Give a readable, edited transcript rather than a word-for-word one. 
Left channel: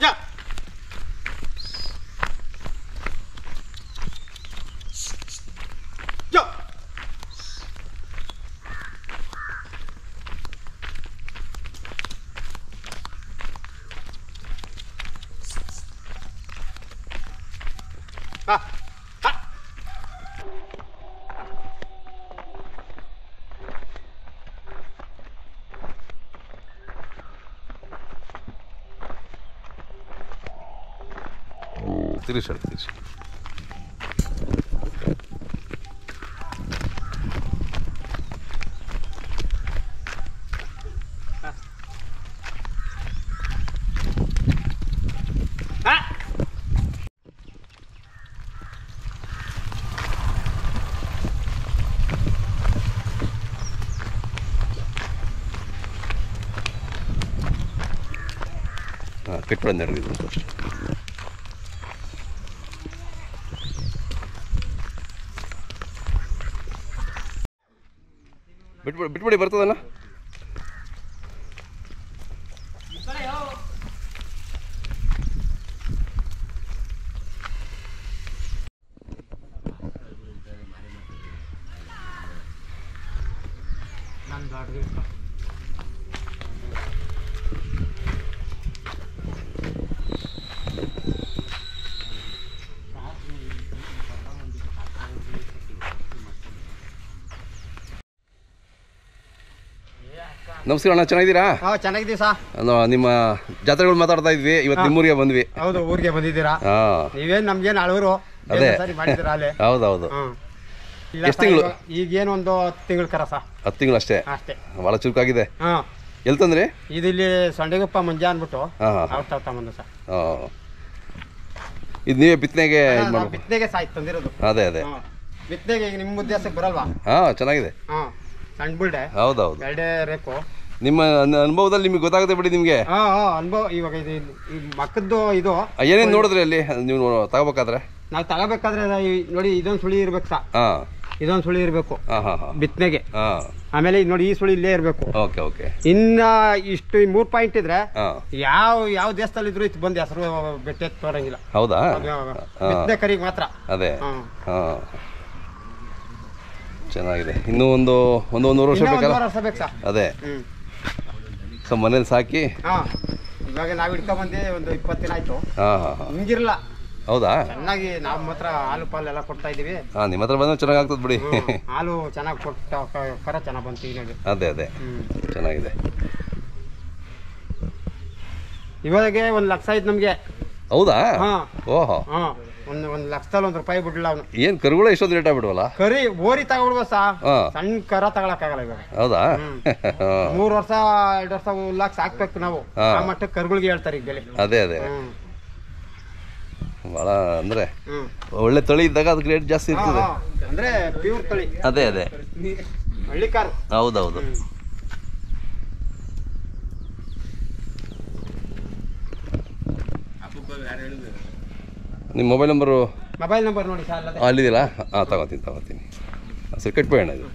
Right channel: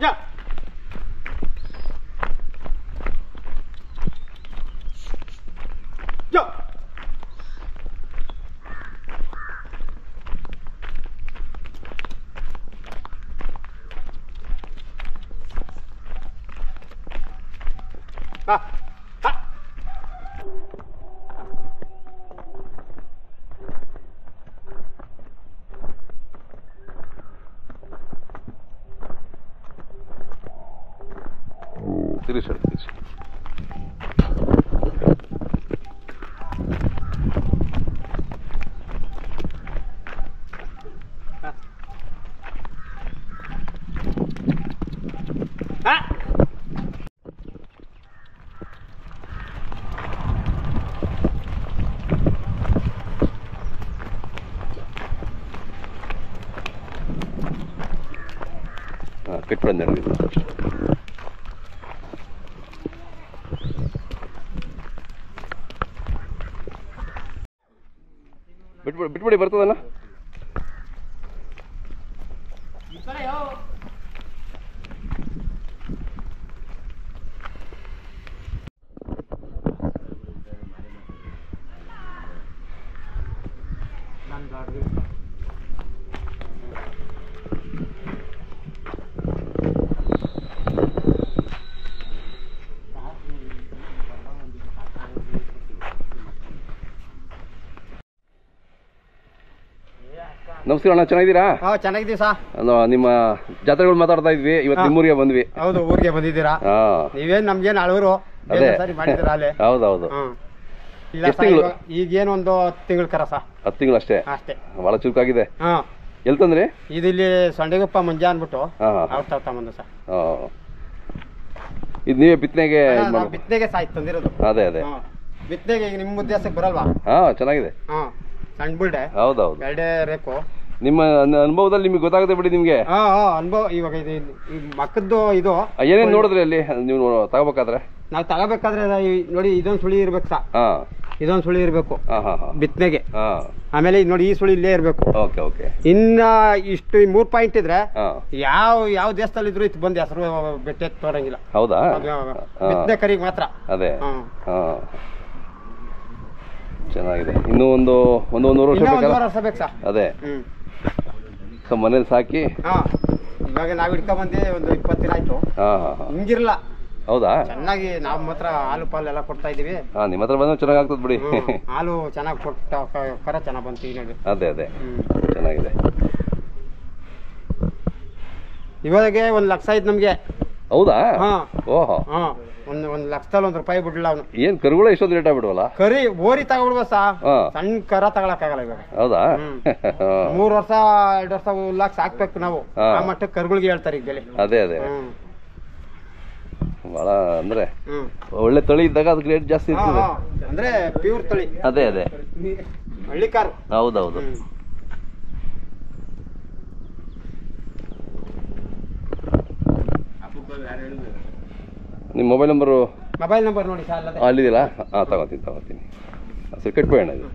ಯಾ ಯಾ ಹಾ ಹಾ ತಿರುಗಿ ಕಟ್ಬಿಡಂದೆ ಬಿಟ್ಬಿಡಿ ಬರ್ತದಲ್ಲ. ನಮಸ್ಕಾರ ಅಣ್ಣ, ಚೆನ್ನಾಗಿದ್ದೀರಾ? ಹಾಂ ಚೆನ್ನಾಗಿದ್ದೀವಿ ಸಾ. ನಿಮ್ಮ ಜಾತ್ರೆಗಳು ಮಾತಾಡ್ತಾ ಇದ್ವಿ, ಇವತ್ತು ನಿಮ್ಮೂರಿಗೆ ಬಂದ್ವಿ. ಹೌದು, ಊರಿಗೆ ಬಂದಿದ್ದೀರಾ? ನೀವೇನು ನಮ್ಗೇನು ಅಳವರು ಅದೇ ಸರಿ ಮಾಡಿದ್ದೀರಾ ಅಲ್ಲೇ? ಹೌದೌದು. ಎಷ್ಟು ತಿಂಗಳು? ಈಗೇನು ಒಂದು 10 ತಿಂಗಳು ಕರ ಸಾ. 10 ತಿಂಗಳು ಅಷ್ಟೇ? ಅಷ್ಟೇ. ಭಾಳ ಚುರುಕಾಗಿದೆ. ಹಾಂ. ಎಲ್ಲಿ ತಂದ್ರಿ? ಇದು ಇಲ್ಲಿ ಸೊಂಡೆಗುಪ್ಪ ಮುಂಜಾ ಅಂದ್ಬಿಟ್ಟು ಅವ್ರು ತಗೊಂಬಂದು ಸಾ. ಇದು ನೀವೇ ಬಿತ್ತನೆಗೆ? ಬಿತ್ತನೆಗೆ ಸಾಯ್ತು ತಂದಿರೋದು. ಅದೇ ಅದೇ ಬಿತ್ತನೆಗೆ ಈಗ ನಿಮ್ಮ ಉದ್ದೇಶಕ್ಕೆ ಬರಲ್ವಾ? ಹಾಂ, ಚೆನ್ನಾಗಿದೆ. ಹಾಂ, ಸಣ್ಣ ಬುಲ್ಡೆ. ಹೌದೌದು, ಎರಡೇ ರೇಕು. ನಿಮ್ಮ ಅನುಭವದಲ್ಲಿ ನಿಮಗೆ ಗೊತ್ತಾಗುತ್ತೆ ಬಿಡಿ ನಿಮಗೆ. ಅನುಭವ ಇವಾಗ ಇದು ಮಕ್ಕದ್ದು ಇದು ಏನೇನು ನೋಡಿದ್ರಿ ಅಲ್ಲಿ ನೀವು ತಗೋಬೇಕಾದ್ರೆ? ನಾವು ತಗೋಬೇಕಾದ್ರೆ ನೋಡಿ, ಇದೊಂದು ಸುಳಿ ಇರ್ಬೇಕು ಸಾ. ಇದೊಂದು ಸುಳಿ ಇರಬೇಕು ಬಿತ್ತನೆಗೆ. ಆಮೇಲೆ ನೋಡಿ, ಈ ಸುಳಿ ಇಲ್ಲೇ ಇರಬೇಕು. Okay okay. ಇನ್ನ ಇಷ್ಟು 3 ಪಾಯಿಂಟ್ ಇದ್ರೆ ಯಾವ ದೇಶದಲ್ಲಿ ಇದ್ರು ಇದು ಬಂದು ಹೆಸರು ಬೆಟ್ಟ ತೋರಂಗಿಲ್ಲ. ಹೌದಾ? ಬಿತ್ತನೆ ಕರಿಗೆ ಮಾತ್ರ. ಅದೇ. ಚೆನ್ನಾಗಿದೆ. ಇನ್ನೂ ಒಂದೂವರೆ ವರ್ಷ ಬೇಕು ಸಾ. ಅದೇ. ಸೊ ಮನೇಲಿ ಸಾಕಿ ಇವಾಗ ನಾವು ಹಿಡ್ಕೊಂಬಂದೆ ಒಂದು 20 ದಿನ ಆಯ್ತು. ಹಿಂಗಿರಲ್ಲ. ಹೌದಾ? ಚೆನ್ನಾಗಿ ನಮ್ಮ ಹತ್ರ ಹಾಲು ಪಾಲು ಎಲ್ಲ ಕೊಡ್ತಾ ಇದೀವಿ. ನಿಮ್ಮ ಹತ್ರ ಬಂದ್ರೆ ಚೆನ್ನಾಗಿ ಆಗ್ತದೆ ಬಿಡಿ. ಹಾಲು ಚೆನ್ನಾಗಿ ಕೊಟ್ಟ ಕರ ಚೆನ್ನಾಗಿ ಬಂತು ಈಗ ನೋಡಿ. ಅದೇ ಅದೇ ಚೆನ್ನಾಗಿದೆ. ಇವಾಗೆ 1 ಲಕ್ಷ ಆಯ್ತು ನಮ್ಗೆ. ಹೌದಾ? ಓಹೋ. ಒಂದು ಲಕ್ಷದಲ್ಲಿ ₹1 ಬಿಡ್ಲಿಲ್ಲ ಅವನು. ಏನ್ ಕರುಗಳು ಇಷ್ಟೊಂದು ರೇಟ್ ಆಗ್ಬಿಡ್ವಲ್ಲ? ಕರಿ ಓರಿ ತಗೊಳ್ಬ ಸಾ. ಸಣ್ಣ ಕರ ತಗೊಳಕ್ಕಾಗಲ್ಲ ಇವಾಗ. ಹೌದಾ? 3 ವರ್ಷ 2 ವರ್ಷ ಲಕ್ಷ ಹಾಕ್ಬೇಕು ನಾವು. ಆ ಮಟ್ಟಕ್ಕೆ ಕರುಗಳಿಗೆ ಹೇಳ್ತಾರೆ ಈಗ ಬೆಲೆ. ಅದೇ ಅದೇ ಬಹಳ ಅಂದ್ರೆ ಒಳ್ಳೆ ತಳಿ ಇದ್ದಾಗ ಅದಕ್ಕೆ ರೇಟ್ ಜಾಸ್ತಿ ಇರ್ತದೆ. ಅಂದ್ರೆ ಪ್ಯೂರ್ ತಳಿ. ಅದೇ ಅದೇ ಹಳ್ಳಿ ಕಾರು. ಹೌದೌದು. ನಿಮ್ಮ ಮೊಬೈಲ್ ನಂಬರ್ ನೋಡಿ ಸರ್. ಅಲ್ಲಿದೆಯಲ್ಲ? ತಗೋತೀನಿ. ಸರಿ, ಕಟ್ಬೇಡ ಇದು.